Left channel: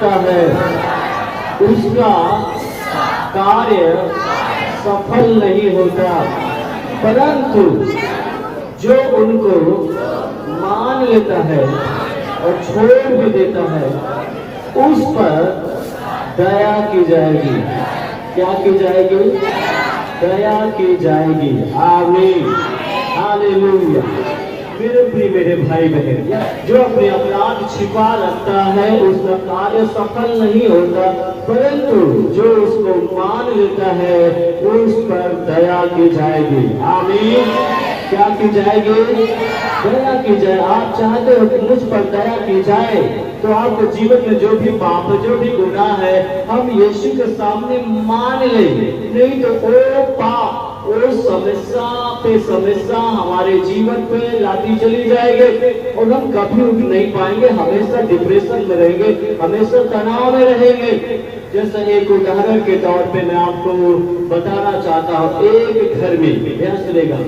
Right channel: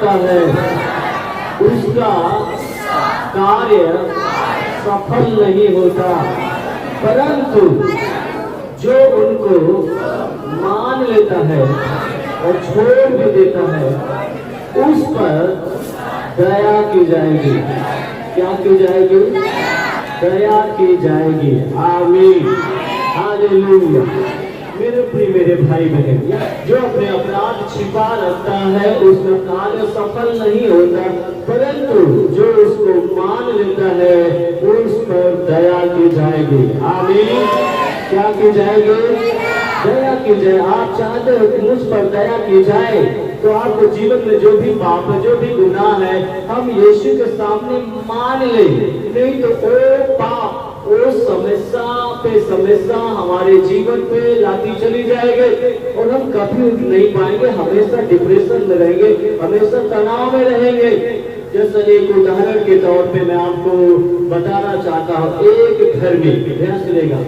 करता है उसका कार्य सफल नहीं होता, परंतु जो उनको मान लेता है और छोड़ भी देता है उस पर दया की जाएगी। क्या की जाएगी? दया की जाएगी। आमीन, हालेलुया। मेरे प्रिय मेरे भाई बहन, जो अपने अपराध छिपा रखता है उसका कार्य सफल नहीं होता, परंतु जो उसको मान लेता है उस पर दया की जाएगी। आमीन। क्या की जाएगी? दया की जाए। आप चाहते हो कि मुझ पर दया की जाए, तो आपके जीवन में जो भी पाप है, जो भी गुनाह है, हम यीशु के सामने मान ले, नहीं तो वो पाप, वो समस्या पे समस्या हमारे जीवन पे लाती चली जाएगी और हम कभी उठ नहीं पाएंगे, हमेशा डिप्रेशन में रहेंगे, हमेशा तनाव में रहेंगे। जैसे एक उदाहरण के तौर पे मैं आपको बताना चाहता हूँ। एक घर में, ध्यान सुनेगा,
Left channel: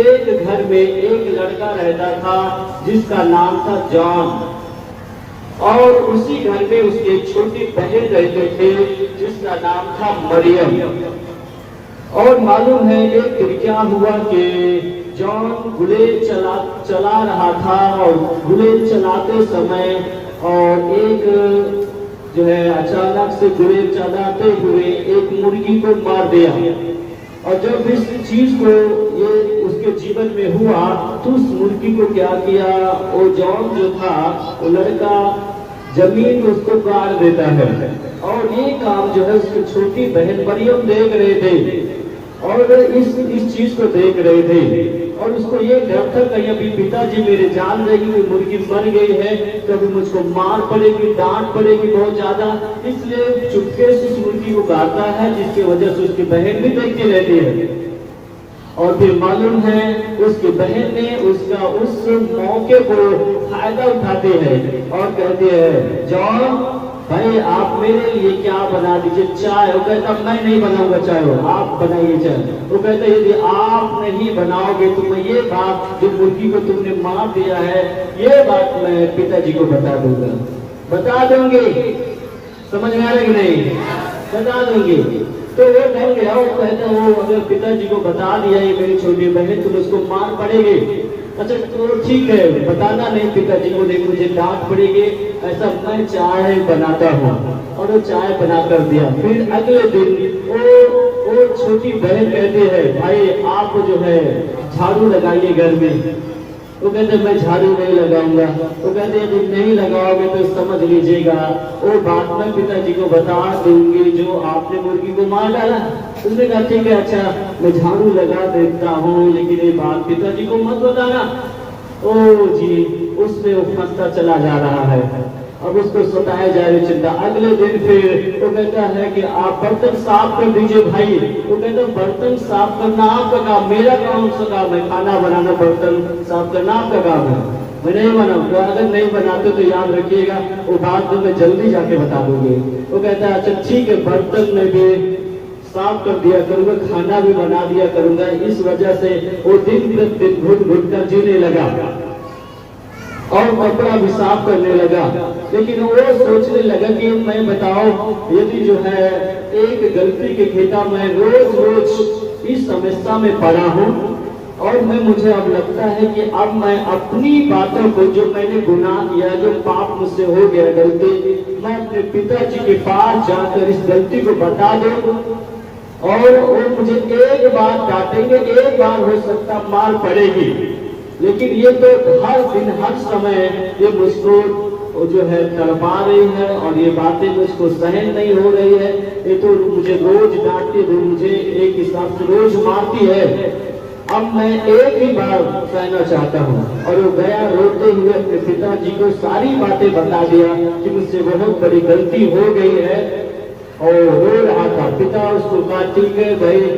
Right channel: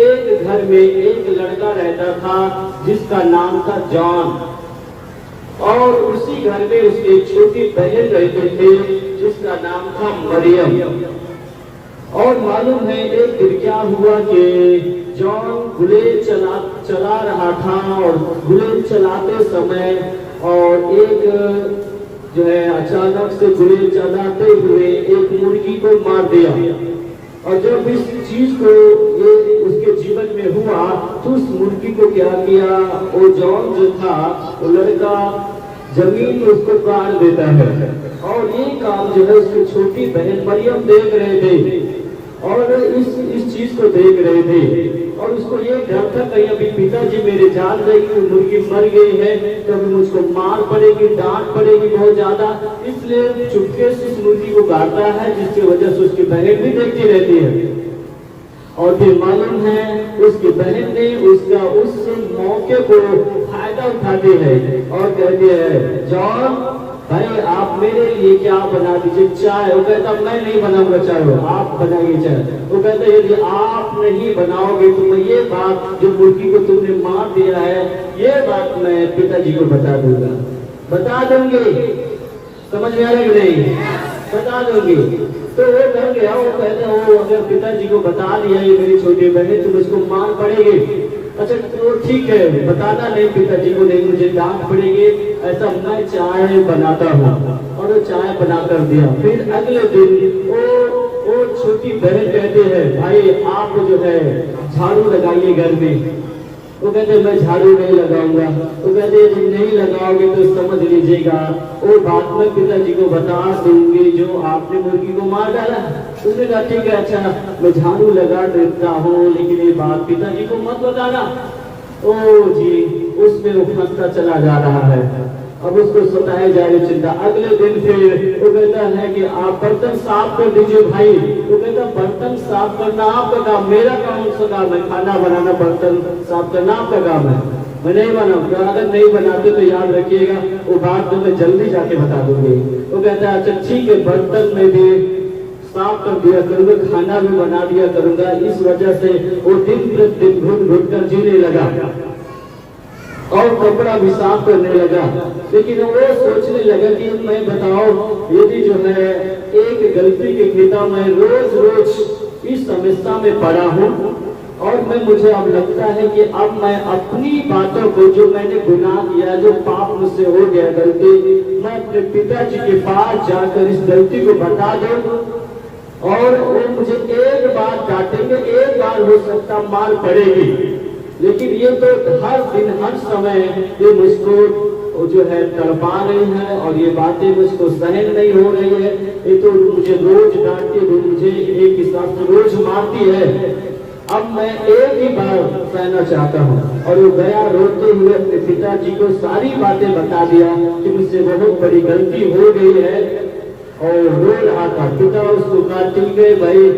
एक घर में एक लड़का रहता था जिसका नाम था जॉन, और उसी घर में उसकी एक छोटी बहन रहते थे जिसका नाम था मरियम। और मालूम है एक दिन क्या हुआ कि जॉन बुलेट चला रहा था, और बुलेट चलाते समय और एक जो है अचानक से बुलेट चलाते हुए एक मुर्गी को मार दिया। और जब इस चीज को ये उसके जीवन में हुआ तो उस मुर्गी को क्या किया, वो जॉन जो था वो लड़का जमीन में उसको गाड़ देता है। और ये काम जो है उसकी छोटी बहन मरियम देख रहे थे और इस चीज को देख रहे थे, और उसको ये डर था कहीं अभी पिताजी मेरे जान जाएगी कि मुर्गी मर गई है तो अभी मुझको मार पड़ेगी, डांट पड़ेगी बहुत ज्यादा, इसलिए चुपके से उस मुर्गी को गाता है, जिसकी वजह से उसकी बहन भी देखती रहती है। और फिर मालूम है उसकी बहन ने उसका उस मौके को फायदा उठाते हैं और कहती है, जॉन भाई आप मेरे लिए क्या बना दीजिए, चाय। वो कहता मैं नहीं बनाऊंगा चाय, वो आप बनाइए चाय। वो कहता यदि आप नहीं बनाओगे तो मैं ये बात, जो मुर्गी को तुमने मार दिया है, ये बात मैं पिताजी को बता दूंगा। बता दूंगी, समझ में आ रहा कि नहीं? बता दूंगी। तो वो डर गया, वो कहता वो अगर पिताजी को बता दिया ये मेरी छोटी बहन तो उसको मार पड़ेगी। अच्छा तो ठीक है, बताना नहीं पिताजी को, नहीं मुझे डांट पड़ेगी, ऐसा मैं चाय बनाता हूँ। और वो चाय बना कर दिया। फिर अगले दिन वो छोटी बहन कहते हैं, भाई आप जो है झाड़ू लगाइए घर में। वो कहते मैं झाड़ू नहीं लगाऊंगा। वो कहते यदि नहीं लगाओगे तो समझ लीजिएगा वो बात मैं पिताजी को बता दूंगी जो आपने मुर्गी को मार डाला। उसने कहा ठीक है, अच्छा मैं झाड़ू लगा देता हूँ, लेकिन ये बात पिताजी को मत बताना। ओ जी, उसमें वो फंसता चला जा रहा है। अब उसको सताए जा रही चिंता। अगले दिन फिर वो कहता है कि आप बर्तन साफ कर दीजिए भाई। वो कहता बर्तन साफ करना आपका काम, मेरा काम सा काम है, खाना बनाना, बर्तन साफ करना आपका काम है, मैं नहीं बनाऊंगा। अगर नहीं बनाते तो याद रखिएगा वो बात तो मैं जल्दी जाके बता दूंगी। वो कहता है अच्छा ठीक है, बर्तन में भी साफ कर दिया करूंगा, खाना भी बना दिया करूंगा। इस वजह से वो दिन प्रतिदिन घुट घुट कर जीने लगा और कपड़ा भी साफ करने लगा। लेकिन वो सोचने लगा कि मैं बताओ यदि जो है एक गलती के खेता में रोज रोज इस समस्या में पड़ा हूँ और मुझे अब लगता है कि अब मैं अपनी बातों को, जो मैंने गुनाह किया, जो पाप मुझसे हो गया गलती, मैं अपने पिताजी के पास जाकर इस गलती को बता दूं और वो मुझे एक बार डांटेंगे, एक बार हो सकता मार पड़ेगी, लेकिन ये तो हर दिन हर समय ये मुझको जो है तड़पा रही है और ये बातें मुझको सहन नहीं हो रही है। ये तो मुझे रोज डांटती है, मुझे एक हिसाब से रोज मारती है। अब मैं एक ही बार कहना चाहता हूँ। और वो गया रोते हुए अपने पिताजी को सारी बातें बता दिया कि मुझसे बहुत बड़ी गलती हो गई है और रो रहा था। पिता उसको कहा ठीक है भाई,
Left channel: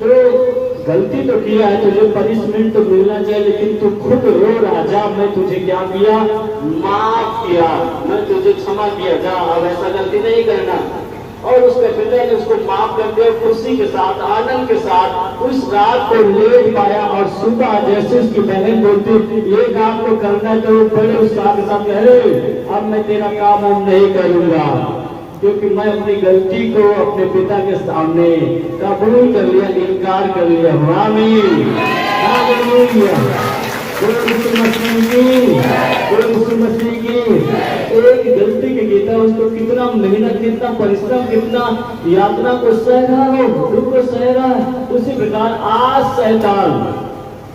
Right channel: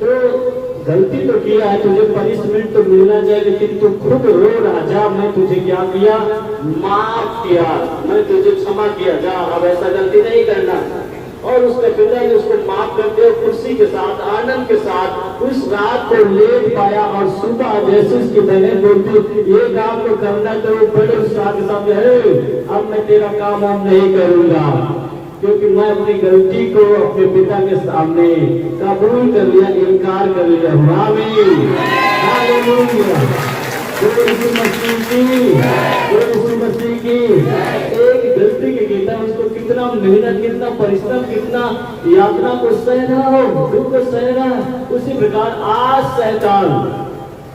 तो गलती तो किया है, तुझे पनिशमेंट तो मिलना चाहिए, लेकिन तू खुद रो रहा, जा मैं तुझे क्या किया, माफ किया, मैं तुझे क्षमा किया, जा अब ऐसा गलती नहीं करना। और उसके पिता ने उसको माफ कर दिया, खुशी के साथ आनंद के साथ उस रात को लेट पाया। और सुबह जैसे उसकी बहन बोलती ये काम तो करना है, तो वो बड़े उत्साह के साथ अब मैं तेरा काम हम नहीं करूंगा, क्योंकि मैं अपनी गलती को अपने पिता के सामने कबूल कर लिया, इनकार कर लिया। आमीन, हालेलुया। मसीह की एक गलती के कहता है उसको कितना मेहनत, कितना परिश्रम, कितना यात्रा को सह रहा हो, दुख को सह रहा। उसी प्रकार आज शैतान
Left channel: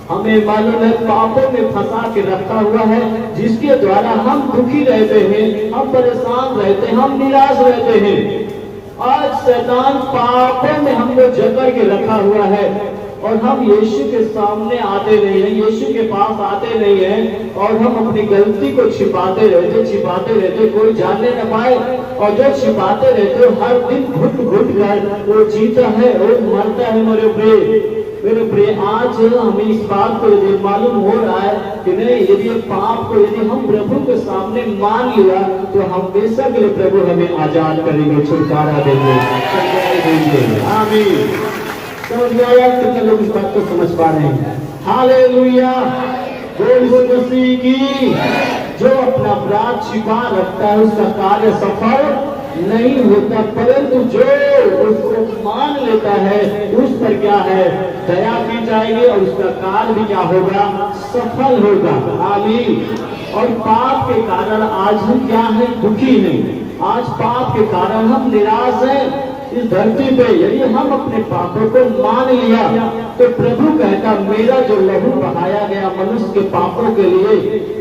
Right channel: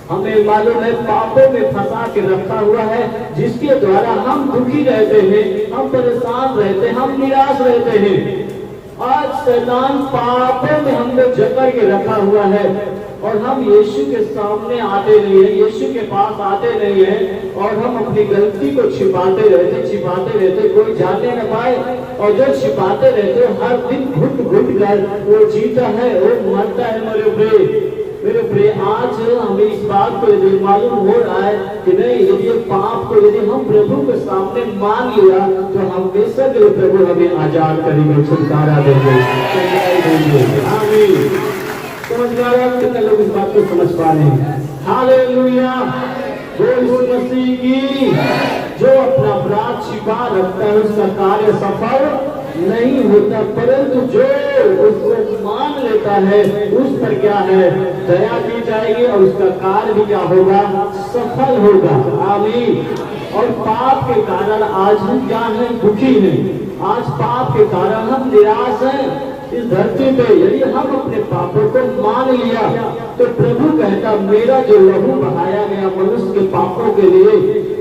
हमें मालूम है पापों में फंसा के रखा हुआ है, जिसके द्वारा हम दुखी रहते हैं, हम परेशान रहते हैं, हम निराश रहते हैं। आज शैतान पापों में हमको जकड़ के रखा हुआ है और हम यीशु के सामने आते नहीं है, यीशु के पास आते नहीं है, और हम अपनी गलती को छिपाते रहते, कोई जानने न पाए। और जो छिपाते रहते हो हर दिन घुट घुट कर वो जीता है, वो मरता है। मेरे प्रिय आज हमें इस बात को यदि मालूम हो रहा है कि नहीं, यदि पाप को यदि हम प्रभु के सामने मान लिया तो हमेशा के प्रभु हमें आजाद करेंगे, छुटकारा देंगे। आमीन। कितने लोग इस बात को समझ पा रहे हैं? हालेलुया। मसीह की जो अपना अपराध छिपा रखता है उसका कार्य सफल नहीं होता, परंतु जो उसको मान लेता है उस पर क्या है, दया की जाएगी और उसका कार्य भी क्या होगा, सफल होगा। आमीन। और पाप के कारण आज हम क्या है, दुखी हैं। आज पाप के कारण हम निराश हैं। इस धरती पे यदि हम अपने पापों को मान लिया तो प्रभु कहता मेरा जो लहू बहाया गया मनुष्य के पापों के लिए,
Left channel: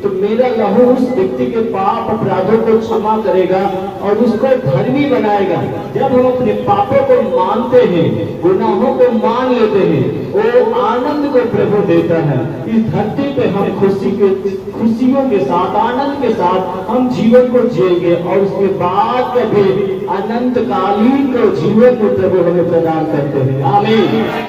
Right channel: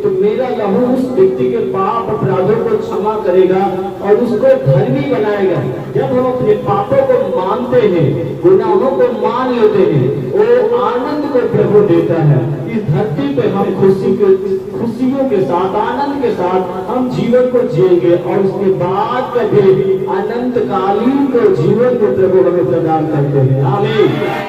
तो मेरा लहू उस व्यक्ति के पाप अपराधों को क्षमा करेगा और उसको धर्मी बनाएगा। जब हम अपने पापों को मानते हैं, गुनाहों को मान लेते हैं, वो आनंद को प्रभु देता है। इस धरती पे हम खुशियों के साथ, आनंद के साथ हम जीवन को जिएंगे और उसके बाद कभी अनंतकालीन को जीवन को प्रभु हमें प्रदान करते हैं। आमीन।